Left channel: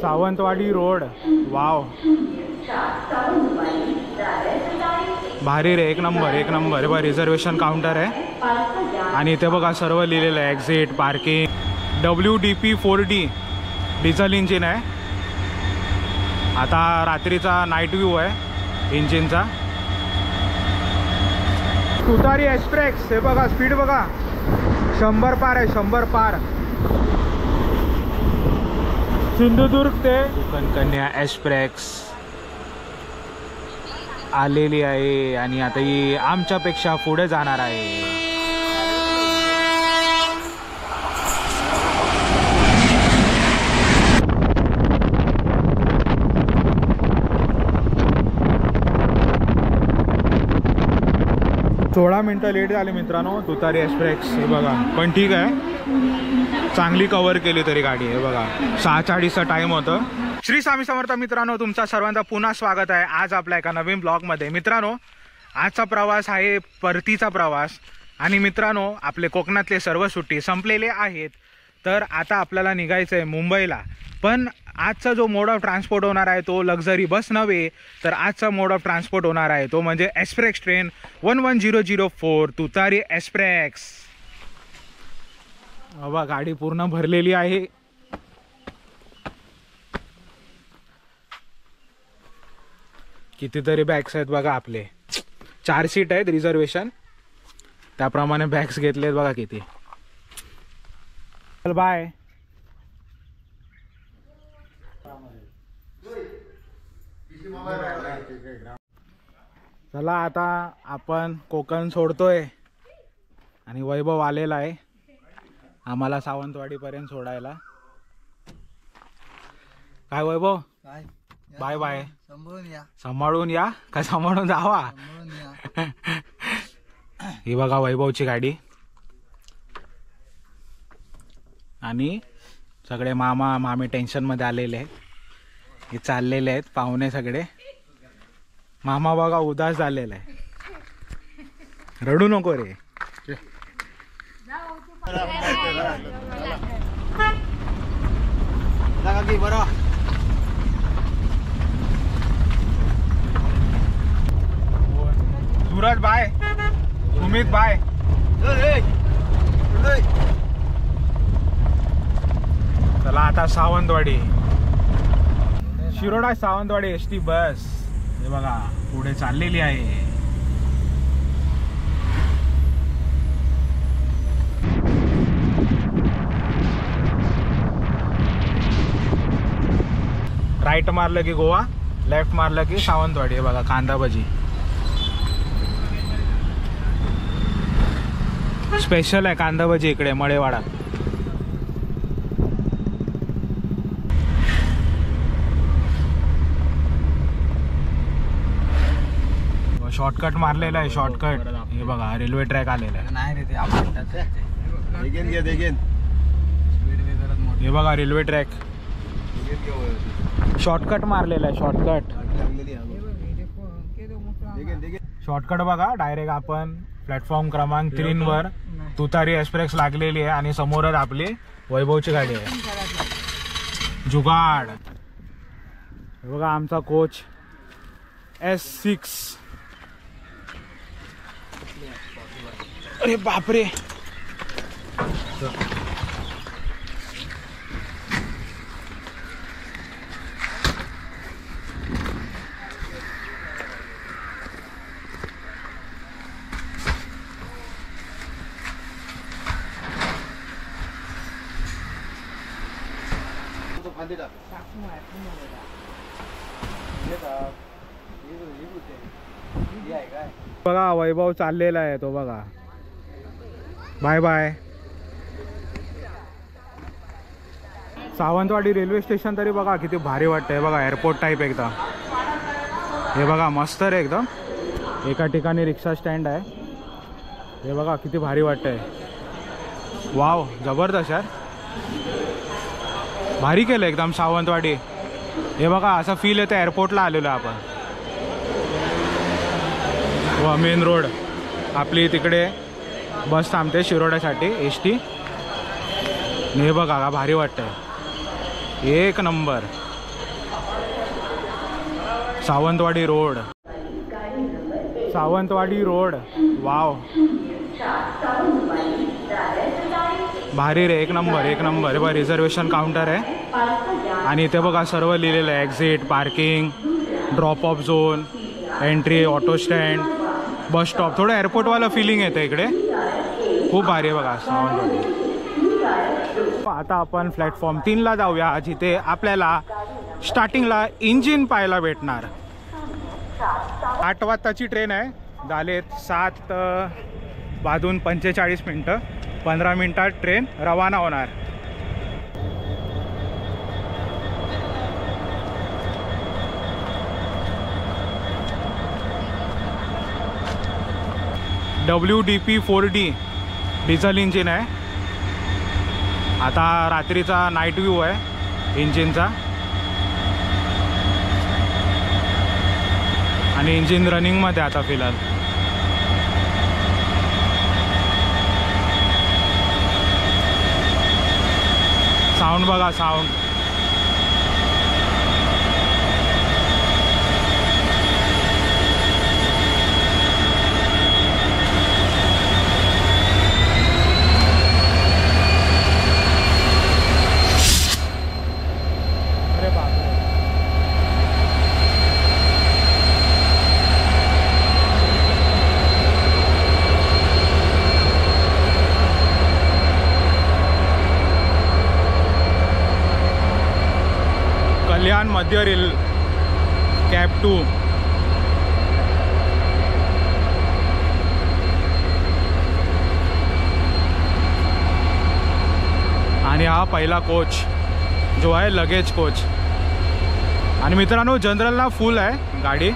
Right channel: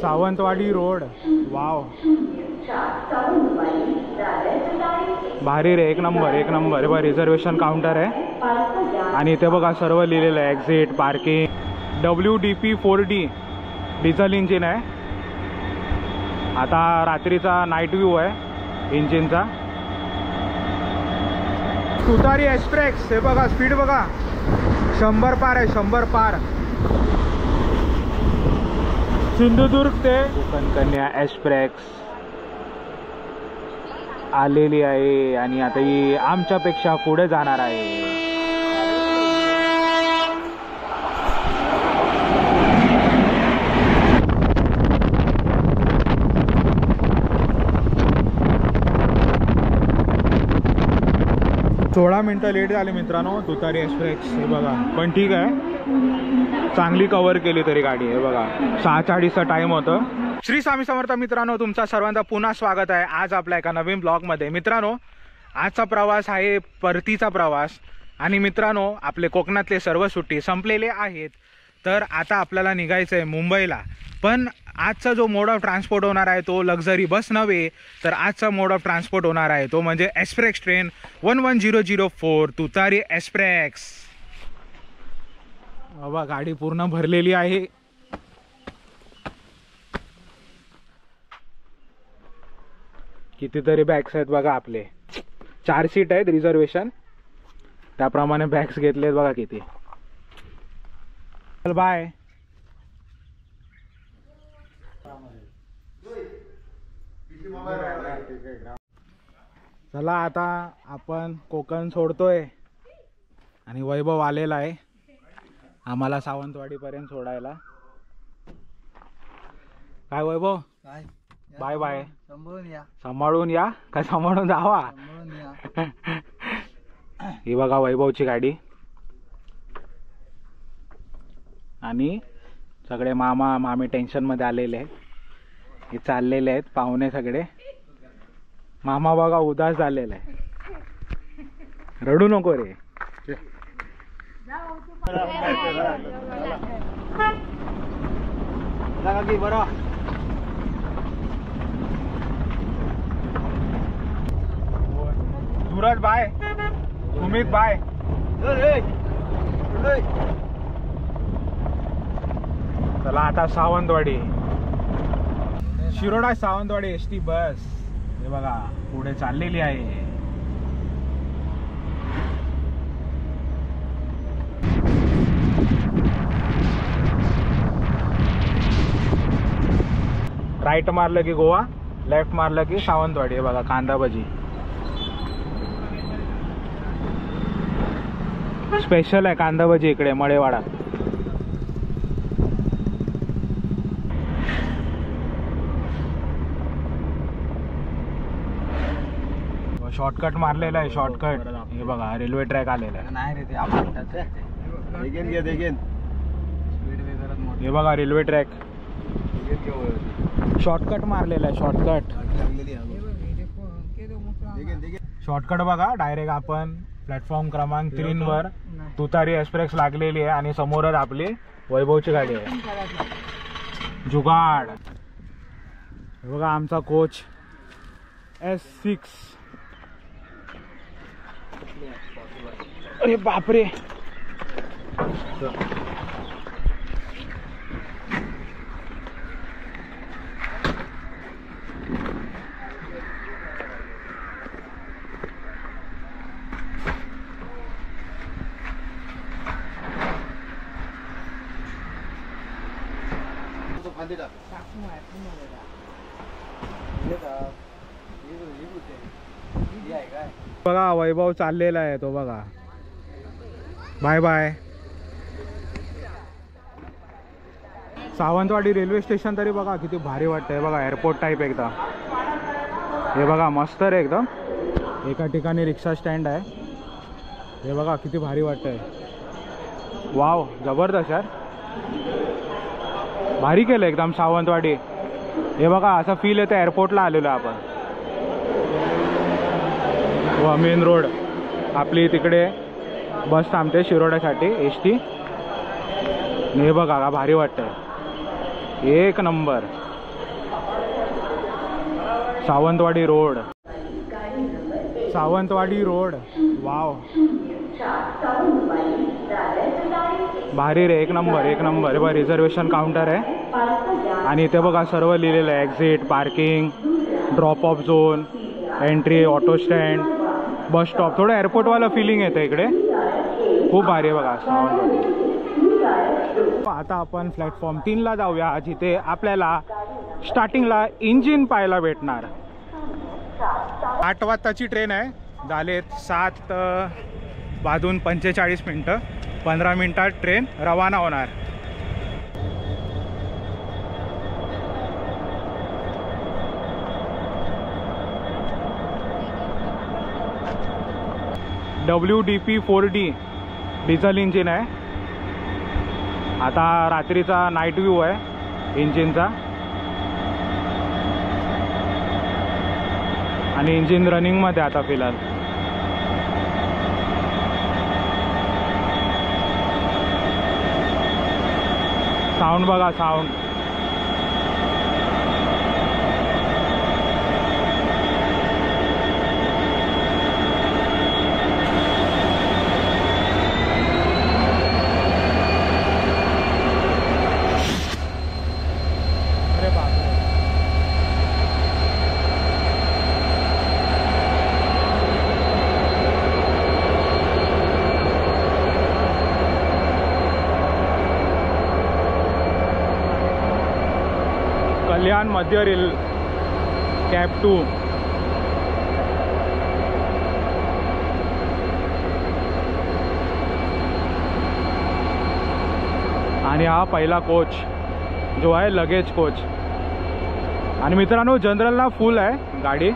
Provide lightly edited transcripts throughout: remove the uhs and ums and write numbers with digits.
Sawantwadi road, wow भारी रे, एक number एक नंबर. बघा रिझर्वेशन काउंटर आहे आणि इथे बघा सर्व लिहिलेलं आहे, exit, parking. WDP 4D diesel engine आहे. आता रात्रीचा नाईट व्ह्यू आहे इंजिनचा. तुतारी एक्सप्रेस, हे बघा स्पीड बघा, 100 पार आहे, 100 पार. सिंधुदुर्ग ते कन्या एक्सप्रेस आलेली आहे आणि आता ही आमच्यापेक्षा पुढे जाणार आहे. सोळा मिनटं लेट झाले मित्रांनो तुतारी एक्सप्रेस. हे बघा पण ठीक आहे, चांगली कव्हर केली तरी गाडी. आहे बघा 6:40चा टाइम होतं. श्री स्वामी समर्थ मित्रांनो, तुमचा सर्वांचा पुन्हा स्वागत आहे आज आपल्या एका नवीन ब्लॉगमध्ये. मित्रांनो आजचा प्रवास आहे परतीचा प्रवास आणि मित्रांनो आपले कोकणातले सर्व सुट्टी संपलेले आहेत. तर आता आपल्याला निघायचं आहे मुंबईला. पण आजचा जो मोड ऑफ ट्रान्सपोर्ट होणार आहे तो लक्झरी बस नव्हे, तर आजचा मोड ऑफ ट्रान्सपोर्ट होणार आहे तो म्हणजे एक्सप्रेस ट्रेन 11004 तुतारी एक्सप्रेस. बाबा गाडी पूर्ण भरलेली आहे. कितीतरी बॅग्स आहेत बघा आपले. 4 सीट आहेत रिझर्वेशन, त्याप्रमाणे बॅग्स घेतलेत बघा किती. चल बाय. चला आता आपण कोकण सोडतोय आणि वैभव आलेला आहे आम्हाला सावंतवाडी पर्यंत सोडायला. काय वैभव, काय बाय बाय. सांभाळून या का सांभाळून जावा. ही बघा वैभवची गाडी आणि सगळे मामा मामी टेन्शन मध्ये आलेले आहेत. हे चाललेले आहेत पाहुणे सगळे. मामा बघा उदास झालेला आहे. रडू नको रे. Suraj bye, Sumit bye. चला आता सावंतवाडी, शिरोडा सावंतवाडी ST बस हे बघा पुढे चाललेली आहे. राईट मारलं की गोवा, लेफ्ट मारलं की सावंतवाडी. हे बघा कांदा भजी स्पेशल आहे, कांदा भजी इकडे मळेवाडा. शॉर्टकट मारलेला आहे, शॉर्टकट. हे बघा रेल्वे ट्रॅक आलेला आहे. नाही रे ते हे बघा रेल्वे ट्रॅक, शॉर्टकट मारलेला आहे, शॉर्टकट. शॉर्टकट बघा डायरेक्ट आपण प्लॅटफॉर्म क्रमांक 3 वर तुतारी एक्सप्रेस लागलेली आहे आणि समोरच आपली वैभवची गाडी आहे जुगाड. हे बघा आमचा कोच S6. अरे बापरे. बघा वैभव चाललेला आहे तो बघा. Bye bye. Sawantwadi railway station तरी बघा किती भारी वाटतंय बघा, एअरपोर्ट टाईप एकदम. हे बघा मस्त रे एकदम. एका ठिकाणी रिक्षा स्टँड आहे. हे बघा किती भारी वाटतंय. वाव जबरदस्त यार, भारी केलं एकदम सावंतवाडी. हे बघा असं फील येतं एअरपोर्टला आलेलो आपण. व मेन रोड आपली तिकडे बस थांबते शिरोड्यासाठी ST. हे बघा का भारी वाटतंय. एक number. Sawantwadi road, Sawantwadi road. Wow, भारी रे, एक नंबर एक नंबर. हे बघा रिझर्वेशन काउंटर आहे आणि इथे बघा सर्व लिहिलेलं आहे. Exit, parking, drop of zone, entry, auto stand, bus stop. थोडं एअरपोर्टवाला फिलिंग येतं इकडे. खूप भारी आहे बघा सावंतवाडी. आता आपण प्लॅटफॉर्म 3ला जाऊया, जिथे आपल्याला स्टार्टिंगला इंजिन पाहायला भेटणार. 8 वाजताची ट्रेन आहे. झालेत 7:45. 15 मिनिटात ट्रेन रवाना होणार. WDP 4D डिझेल इंजिन आहे. आता रात्रीचा नाईट व्ह्यू आहे इंजिनचा आणि इंजिन रनिंगमध्ये आता फिलहाल. साऊंड बघा, साऊंड. अरे बापरे. कल्याण मध्य रेल कॅब 2. आणि हा पहिला कोच जो आहे लगेज कोच. आणि मित्रांनो जनरलला फुल आहे गाडी.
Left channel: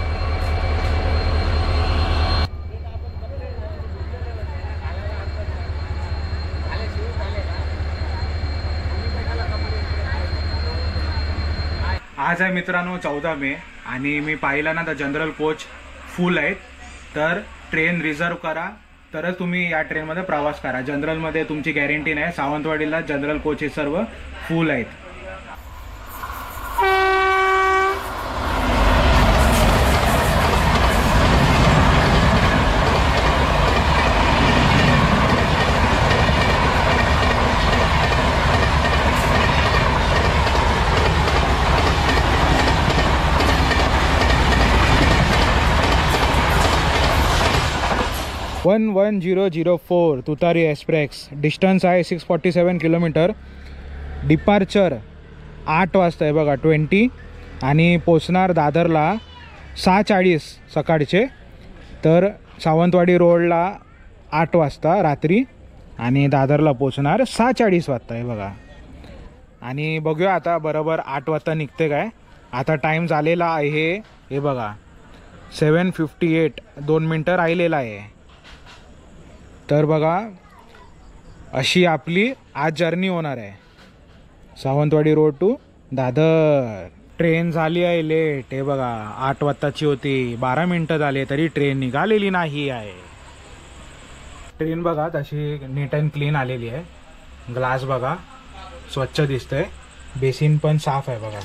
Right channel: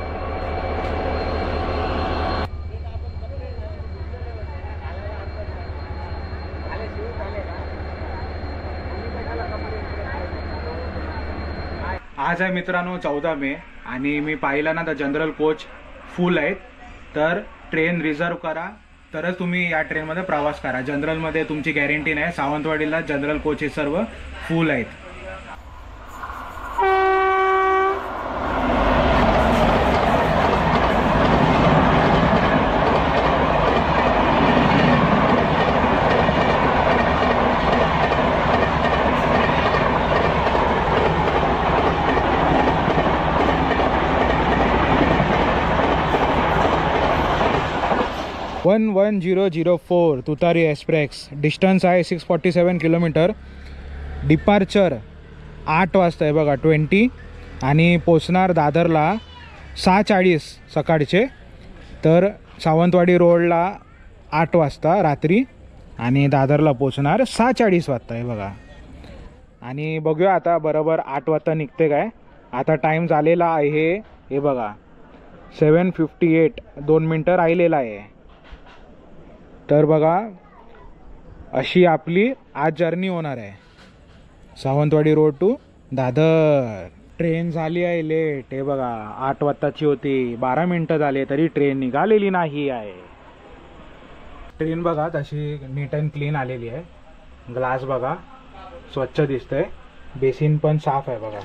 आज आहे मित्रांनो 14 मे आणि मी पाहिलं ना तर जनरल कोच फुल आहेत. तर ट्रेन रिझर्व करा तरच तुम्ही या ट्रेनमध्ये प्रवास करा. जनरलमध्ये तुमची गॅरंटी नाही. सावंतवाडीला जनरल कोचेस सर्व फुल आहेत. वन 1004 तुतारी एक्सप्रेस. डिस्टन्स आहे 647 किलोमीटर. डिपार्चर 8 वाजता आहे बघा 20. आणि पोचणार दादरला 6:40 सकाळचे. तर सावंतवाडी रोडला 8 वाजता रात्री आणि दादरला पोचणार 6:40 वाजता आहे बघा. आणि बघूया आता बरोबर 8 वाजता निघते काय. आता टाईम झालेला आहे हे बघा 7:58. 2 मिनटं राहिलेला आहे. तर बघा अशी आपली आज जर्नी होणार आहे Sawantwadi road to Dadar. Train झाली आहे लेट. हे बघा 8 वाजताची होती, 12 मिनटं झाले तरी ट्रेन निघालेली नाही आहे. ट्रेन बघा तशी नीट अँड क्लीन आलेली आहे. ग्लास बघा स्वच्छ दिसतंय. बेसिन पण साफ आहे बघा,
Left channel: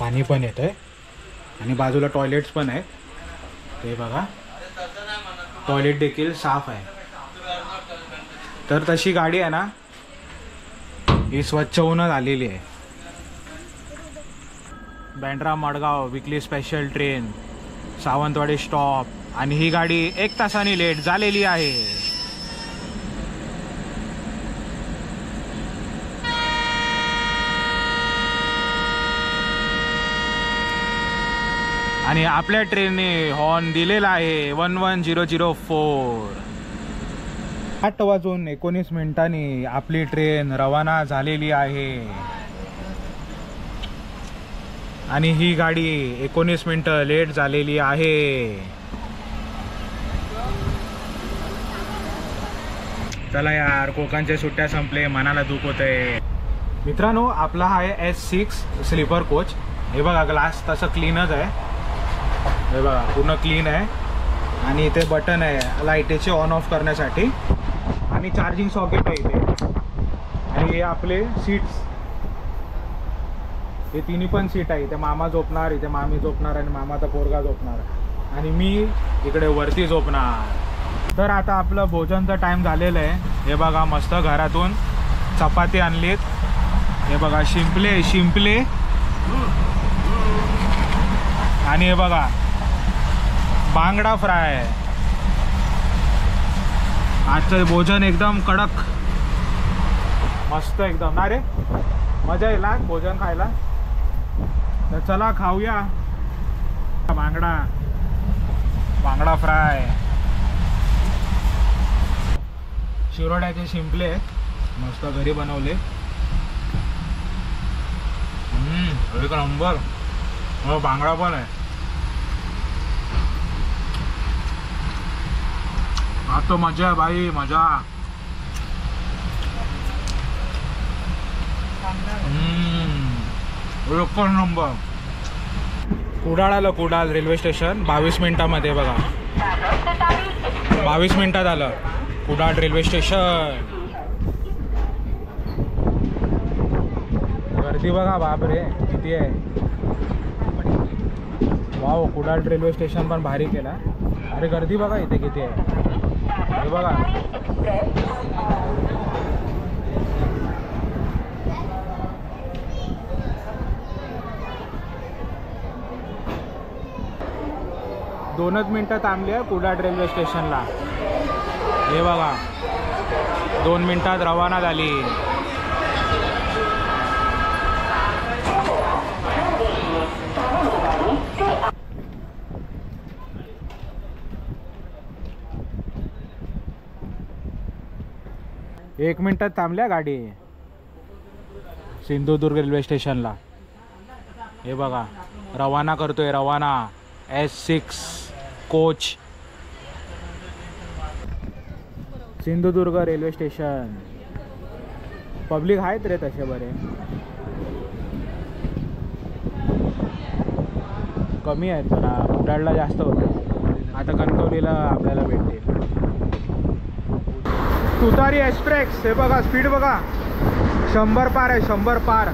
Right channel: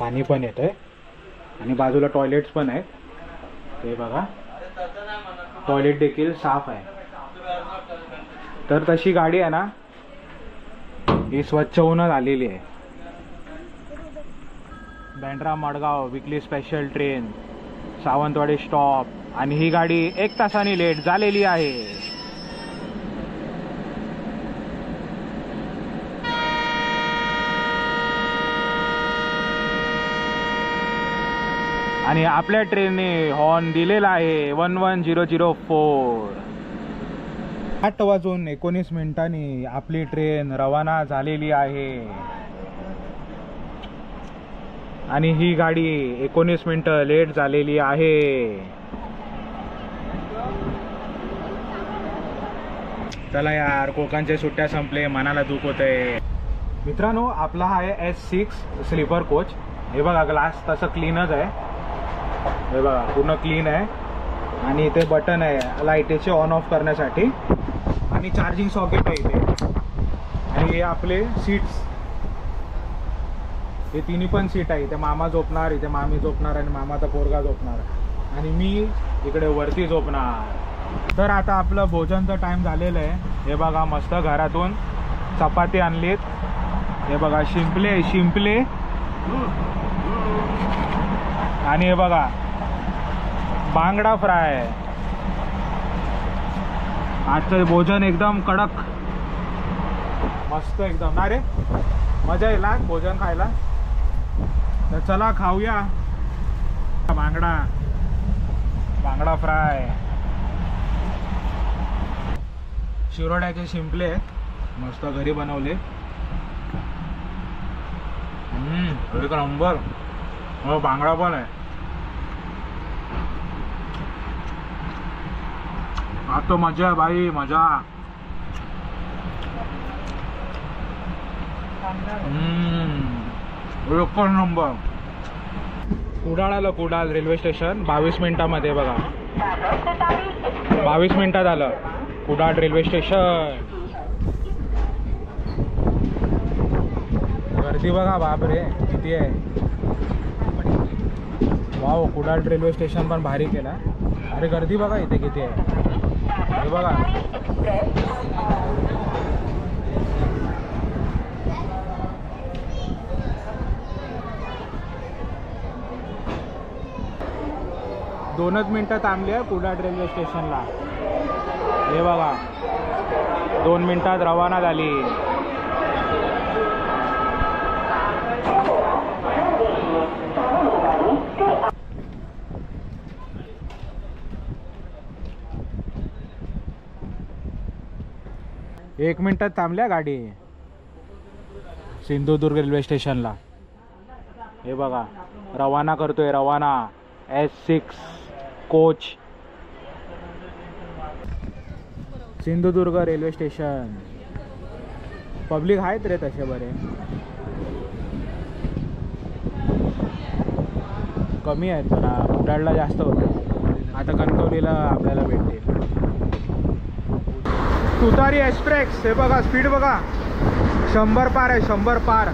पाणी पण येतं आहे. आणि बाजूला टॉयलेट्स पण आहेत. ते बघा टॉयलेट देखील साफ आहे. तर तशी गाडी आहे ना ही स्वच्छ होऊन आलेली आहे. बँड्रा मडगाव विकली स्पेशल ट्रेन सावंतवाडी स्टॉप. आणि ही गाडी 1 तासाने लेट झालेली आहे. आणि आपल्या ट्रेनने हॉर्न दिलेला आहे 11004. 8:19 आपली ट्रेन रवाना झालेली आहे. आणि ही गाडी 19 मिनिटं लेट झालेली आहे. चला यार, कोकणच्या सुट्ट्या संपले, मनाला दुख होतंय. मित्रांनो आपला हा आहे S6 स्लीपर कोच. हे बघा ग्लास तसं क्लीनच आहे. हे बघा पूर्ण क्लीन आहे. आणि इथे बटन आहे लाईटीचे ऑन ऑफ करण्यासाठी. आणि चार्जिंग सॉकेट आहे इथे. आणि हे आपले सीट्स हे तिन्ही पण सीट आहे. इथे मामा झोपणार, इथे मामी झोपणार आणि मामाचा पोरगा झोपणार आणि मी इकडे वरती झोपणार. तर आता आपलं भोजनचा टाइम झालेलं आहे. हे बघा मस्त घरातून चपाती आणलीत. हे बघा शिंपले आणि हे बघा बांगडा फ्राय. आजचं भोजन एकदम कडक मस्त एकदम ना रे. मजा येईल भोजन खायला. तर चला खाऊया. बांगडा फ्राय, शिरोड्याचे शिंपले मस्त घरी बनवले. एक नंबर. हो बांगडा पण आहे. आज तो मजा आहे भाई, मजा. एक नंबर. कुडाळ रेल्वे स्टेशन 22 मिनिटामध्ये बघा. 22 मिनिटात आलं कुडाळ रेल्वे स्टेशन. गर्दी बघा बापरे किती आहे. वाव, कुडाळ रेल्वे स्टेशन पण भारी केला. अरे गर्दी बघा इथे किती आहे. हे बघा दोनच मिनटं थांबली आहे कुडाळ रेल्वे स्टेशनला. हे बघा 2 मिनिटात रवाना झाली. एक मिनिटात थांबल्या गाडी सिंधुदुर्ग रेल्वे स्टेशनला. हे बघा रवाना करतोय, रवाना S6 coach Sindhudurg railway station. Public आहेत रे तसे बरे, कमी आहेत जरा. कुडाळला जास्त होते. आता कणकवलीला आपल्याला भेटते. तुतारी एक्सप्रेस. हे बघा स्पीड बघा 100 पार आहे. 100 पार.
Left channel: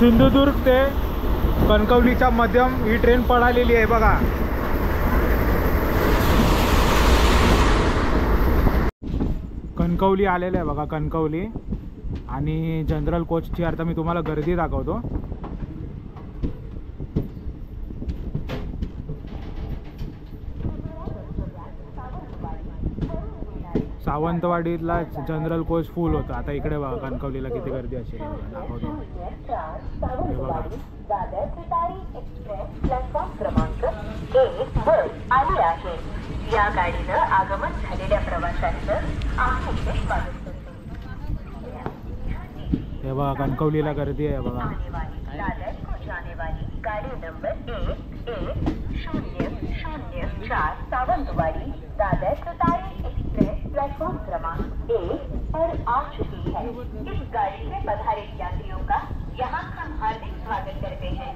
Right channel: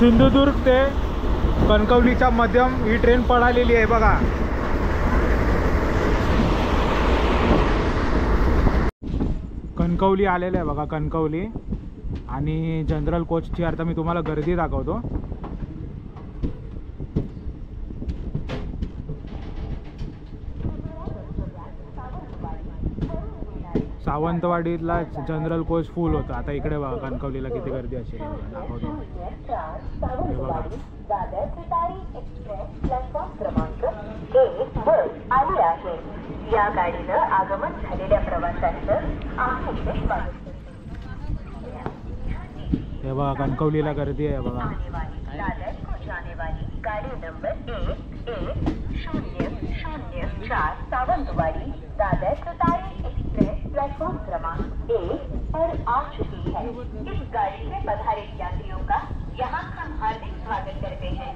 सिंधुदुर्ग ते कणकवलीच्या मध्यम ही ट्रेन पळालेली आहे बघा. कणकवली आलेलं आहे बघा, कणकवली. आणि जनरल कोचची आता मी तुम्हाला गर्दी दाखवतो. सावंतवाडीला जनरल कोच फुल होतं. आता इकडे बघा कणकवलीला किती गर्दी असेल दाखवतो. हे बघा या गाडीनं आगमन झालेल्या प्रवाशांचं हे बघा कणकवलीला गर्दी आहे बघा. गाडी नंबर 1104 सावंतवाडी दादर तुतारी एक्सप्रेस प्लेटफॉर्म क्रमांक 1 पर आ चुकी है. इस गाड़ी में पधारित यात्रियों का यहाँ हम हार्दिक स्वागत करते हैं.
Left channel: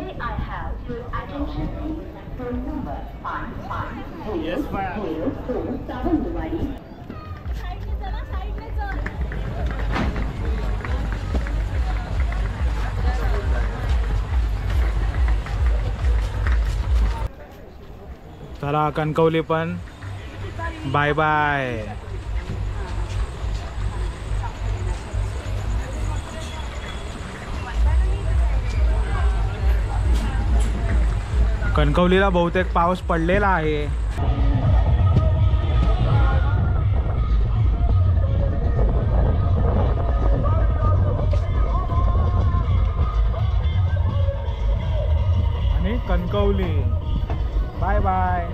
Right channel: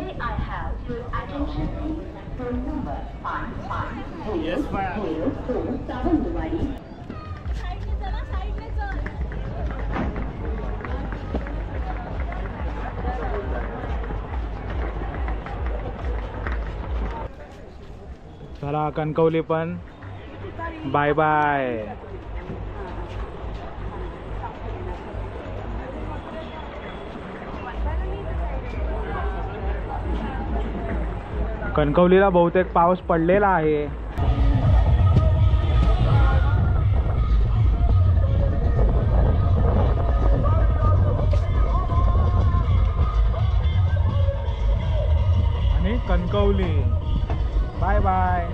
May I have your attention please? Train number 5502 Sawantwadi. चला कणकवली पण बाय बाय. कणकवलीला बहुतेक पाऊस पडलेला आहे. आणि कणकवली बाय बाय.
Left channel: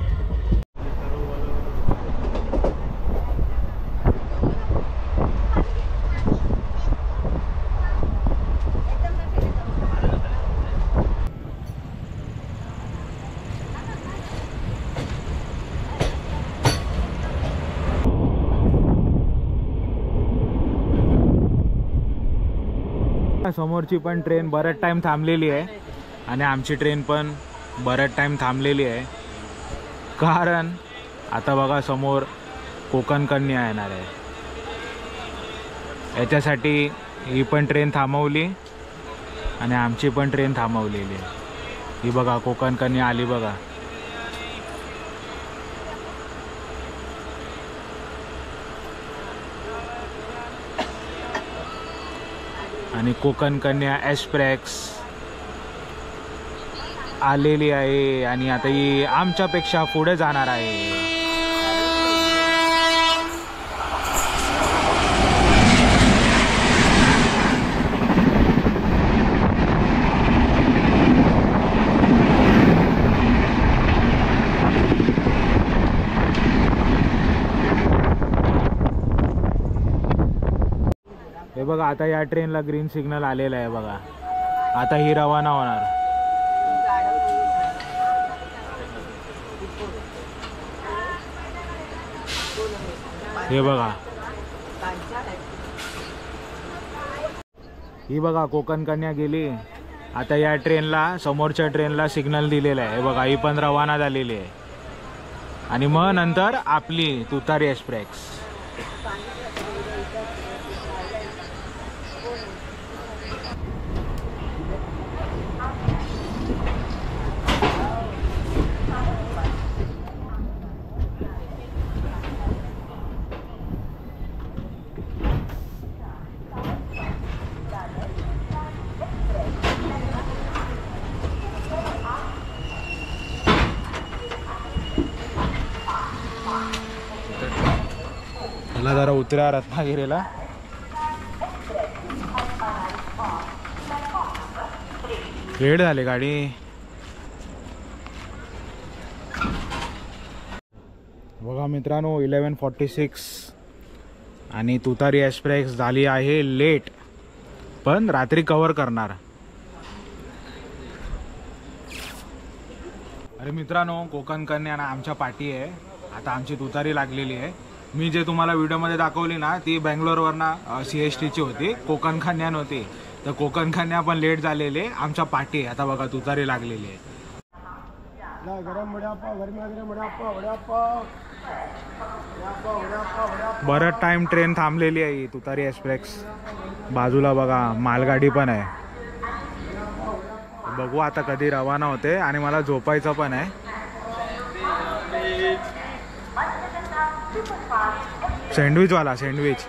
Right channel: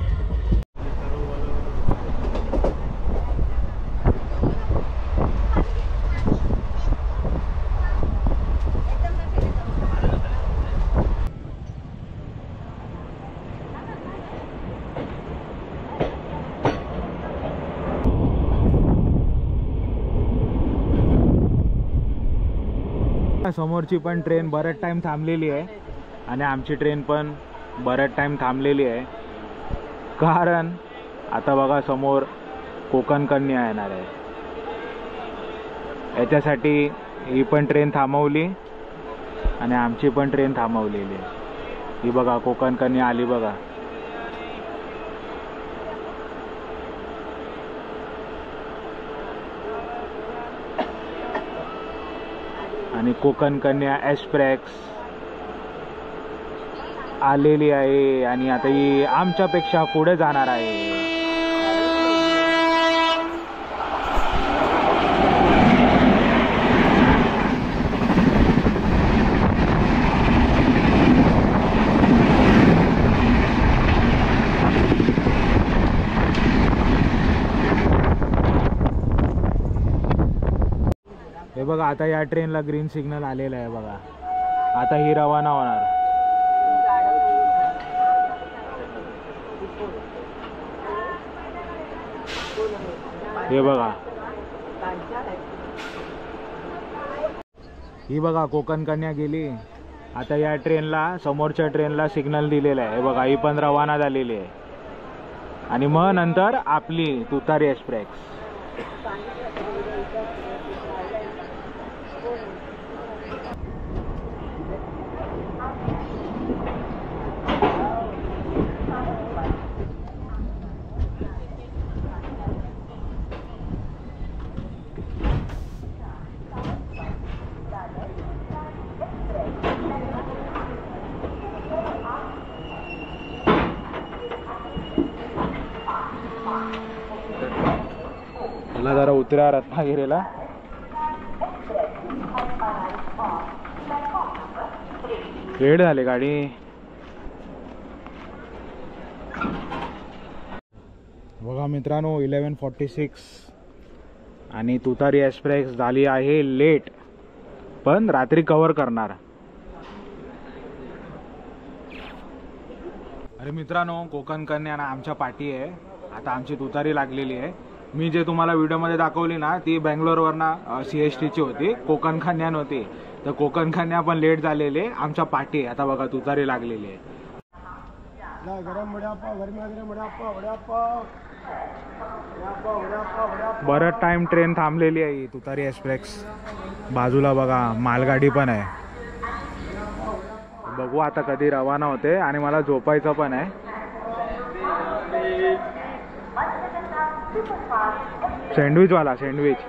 समोरची पण ट्रेन बराच टाइम थांबलेली आहे आणि आमची ट्रेन पण बराच टाइम थांबलेली आहे. कारण आता बघा समोर कोकण कन्या येणार आहे. याच्यासाठी ही पण ट्रेन थांबवली आणि आमची पण ट्रेन थांबवलेली आहे. ही बघा कोकण कन्या आली बघा. आणि कोकण कन्या एक्सप्रेस आलेली आहे आणि आता ही आमच्यापेक्षा पुढे जाणार आहे. हे बघा आता या ट्रेनला ग्रीन सिग्नल आलेला आहे बघा. आता ही रवाना होणार. हे बघा ही बघा कोकण कन्या गेली. आता या ट्रेनला समोरच्या ट्रेनला सिग्नल दिलेला आहे. हे बघा ही पण रवाना झालेली आहे आणि मग नंतर आपली तुतारी एक्सप्रेस. मला जरा उतरा रत्नागिरीला. वेळ झाली गाडी. बघा मित्रांनो 11:46 आणि तुतारी एक्सप्रेस झाली आहे लेट, पण रात्री कव्हर करणार. अरे मित्रांनो कोकण कन्या आमच्या पाठी आहे. आता आमची तुतारी लागलेली आहे. मी जे तुम्हाला व्हिडिओमध्ये दाखवली ना ती बेंगलोरवरनं CSTची होती, कोकण कन्या नव्हती. तर कोकण कन्या पण लेट झालेली आहे. आमच्या पाठी आहे. आता बघा तुतारी लागलेली आहे. बरंच टाइम ट्रेन थांबलेली आहे ही तुतारी एक्सप्रेस. बाजूला बघा मालगाडी पण आहे. बघू आता कधी रवाना होते आणि मला झोपायचं पण आहे. सँडविचवाला सँडविच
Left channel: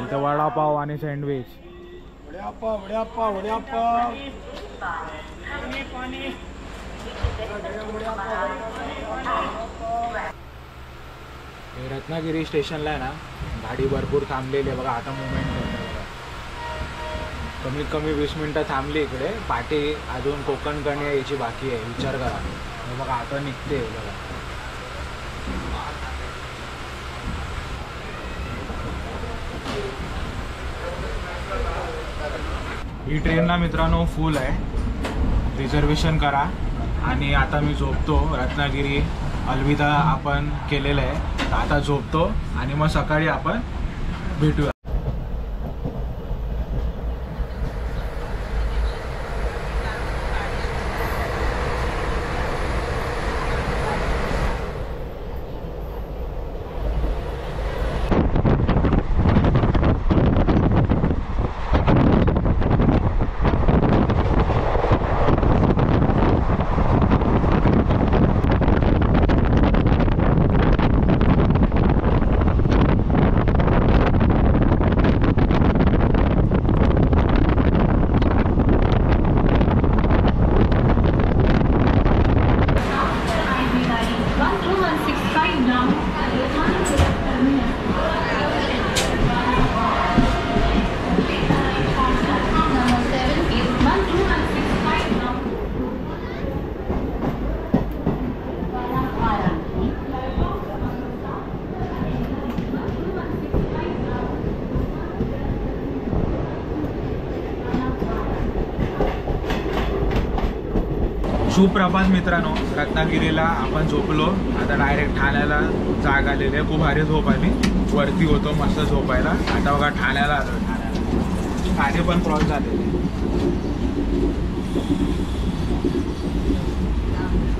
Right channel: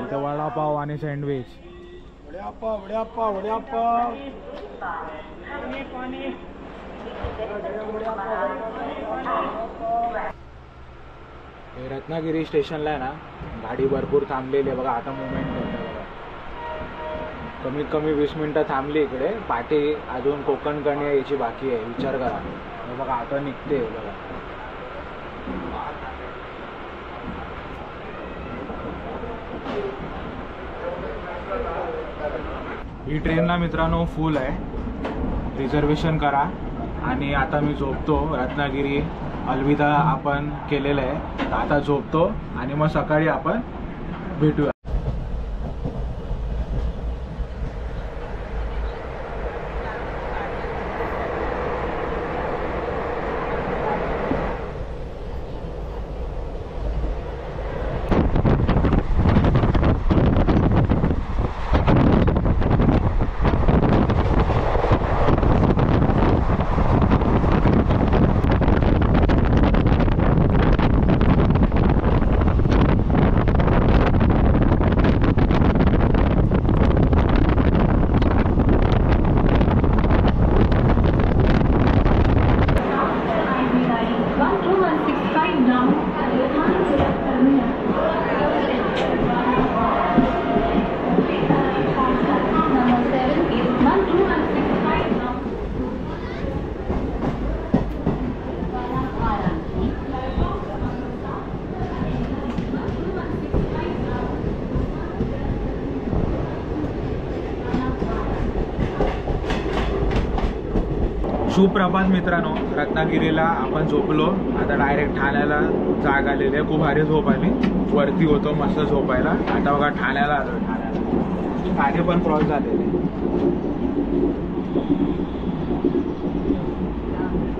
इथं वडापाव आणि सँडविच. रत्नागिरी स्टेशनला आहे ना गाडी भरपूर थांबलेली आहे बघा. आता मुवमेंट करते बघा. कमीत कमी 20 मिनिटं थांबली इकडे. पाठी अजून कोकण कन्या यायची बाकी आहे. विचार करा बघा आता निघते बघा. ही ट्रेनला मित्रांनो फुल आहे. रिझर्वेशन करा. आणि आता मी झोपतो. रत्नागिरी अलविदा आपण केलेलं आहे. आता झोपतो आणि मग सकाळी आपण भेटूया. सुप्रभात मित्रांनो. रत्नागिरीला आपण झोपलो. आता डायरेक्ट ठाण्याला जाग आलेली आहे. खूप भारी झोप आली. वरती होतो मस्त झोपायला. आता बघा ठाण्याला आलो. ठाणे पण क्रॉस झालेले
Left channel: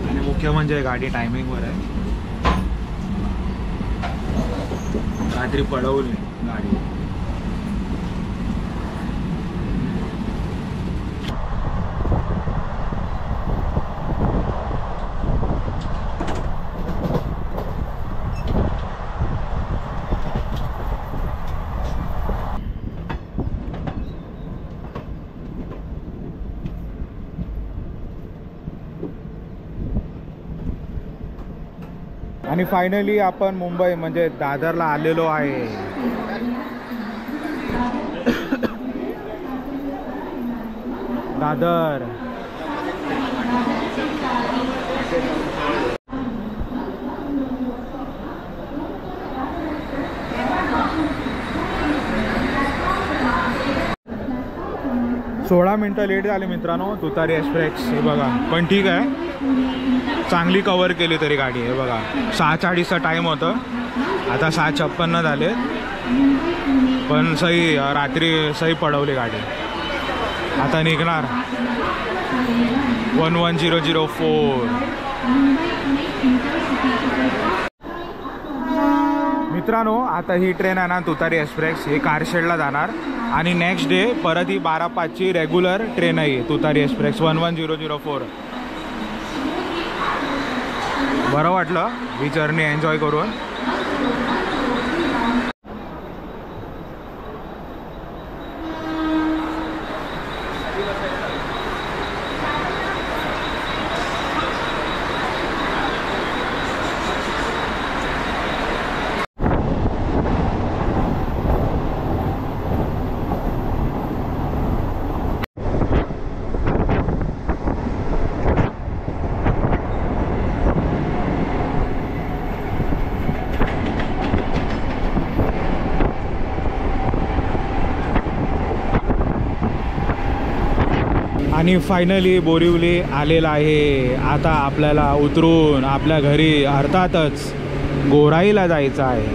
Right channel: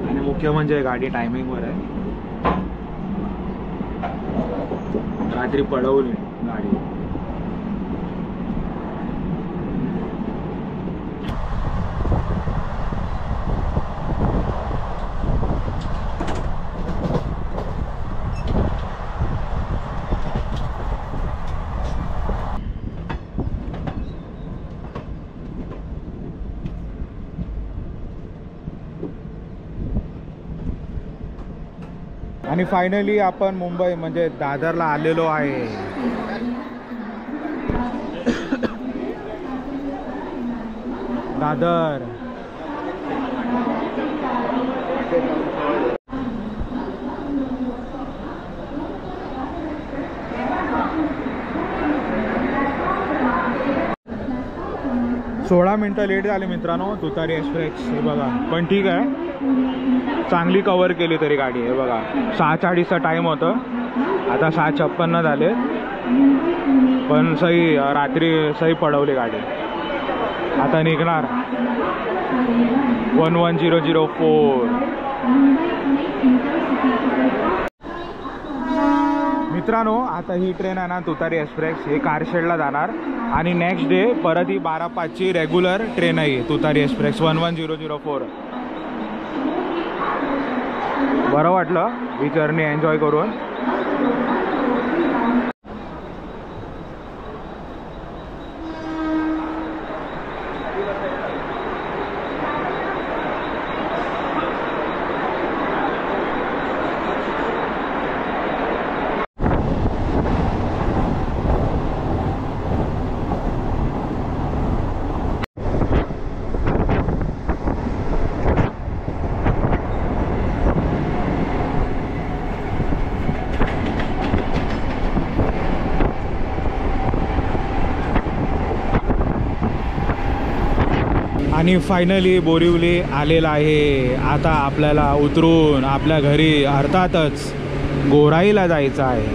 आणि मुख्य म्हणजे गाडी टायमिंगवर आहे. रात्री पळवली गाडी. आणि फायनली आपण मुंबई म्हणजे दादरला आलेलो आहे. दादर. सोळा मिनटं लेट झाले मित्रांनो तुतारी एक्सप्रेस. हे बघा पण ठीक आहे, चांगली कव्हर केली तरी गाडी. हे बघा 6:40चा टाईम होतं, आता 6:56 झाले, पण सही रात्री सही पडवली गाडी. आता निघणार 11004. मित्रांनो आता ही ट्रेन आहे ना तुतारी एक्सप्रेस, ही कारशेडला जाणार आणि नेक्स्ट डे परत ही 12:05ची रेग्युलर ट्रेन आहे तुतारी एक्सप्रेस 11004. बरं वाटलं ही जर्नी एन्जॉय करून. आणि फायनली बोरिवली आलेला आहे. आता आपल्याला उतरून आपल्या घरी अर्थातच गोराईला जायचं आहे.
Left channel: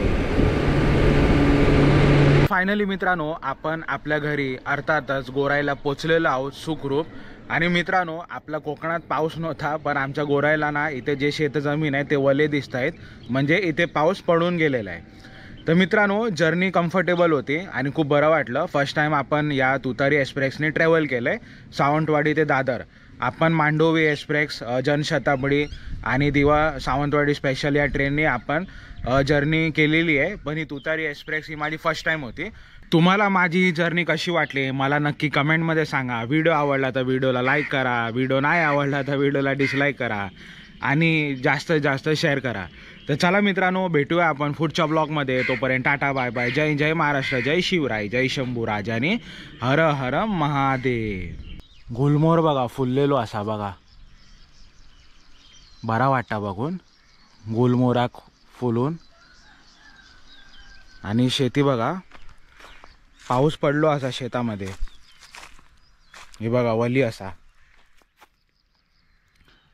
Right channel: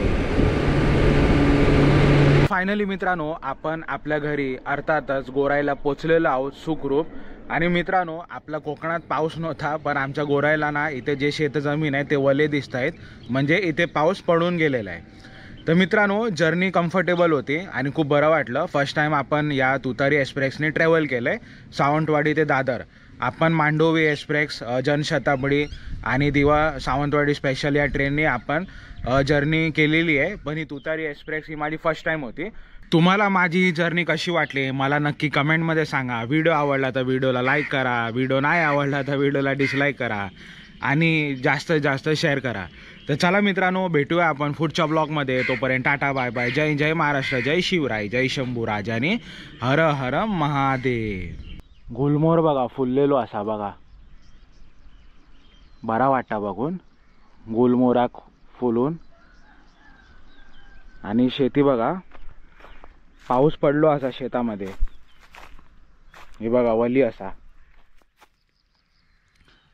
फायनली मित्रांनो आपण आपल्या घरी अर्थातच गोराईला पोचलेलो आहोत सुखरूप. आणि मित्रांनो आपला कोकणात पाऊस नव्हता, पण आमच्या गोराईला ना इथे जे शेतजमीन आहे ते वले दिसत आहेत, म्हणजे इथे पाऊस पडून गेलेला आहे. तर मित्रांनो जर्नी कम्फर्टेबल होती आणि खूप बरं वाटलं. फर्स्ट टाईम आपण या तुतारी एक्सप्रेसने ट्रॅव्हल केलं आहे सावंतवाडी ते दादर. आपण मांडोवी एक्सप्रेस, जनशताब्दी आणि दिवा सावंतवाडी स्पेशल या ट्रेनने आपण जर्नी केलेली आहे, पण ही तुतारी एक्सप्रेस ही माझी फर्स्ट टाईम होती. तुम्हाला माझी ही जर्नी कशी वाटली मला नक्की कमेंटमध्ये सांगा. व्हिडिओ आवडला तर व्हिडिओला लाईक करा, व्हिडिओ नाही आवडला तर व्हिडिओला डिसलाईक करा आणि जास्तीत जास्त शेअर करा. तर चला मित्रांनो भेटूया आपण पुढच्या ब्लॉगमध्ये. तोपर्यंत टाटा बाय बाय. जय जय महाराष्ट्र, जय शिवराय, जय शंभू राजाने, हर हर महादेव. गुलमोहर बघा फुललेलो असा बघा, बरा वाटता बघून गुलमोहराक फुलून. आणि शेती बघा पाऊस पडलो असा शेतामध्ये, हे बघा वली असा.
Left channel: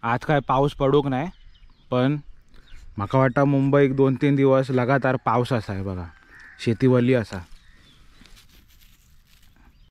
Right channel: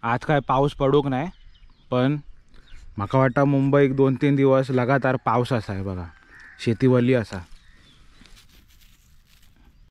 आज काय पाऊस पडूक नाही, पण म्हाका वाटतं मुंबईत 2-3 दिवस लगातार पाऊस असा आहे बघा, शेती वली असा.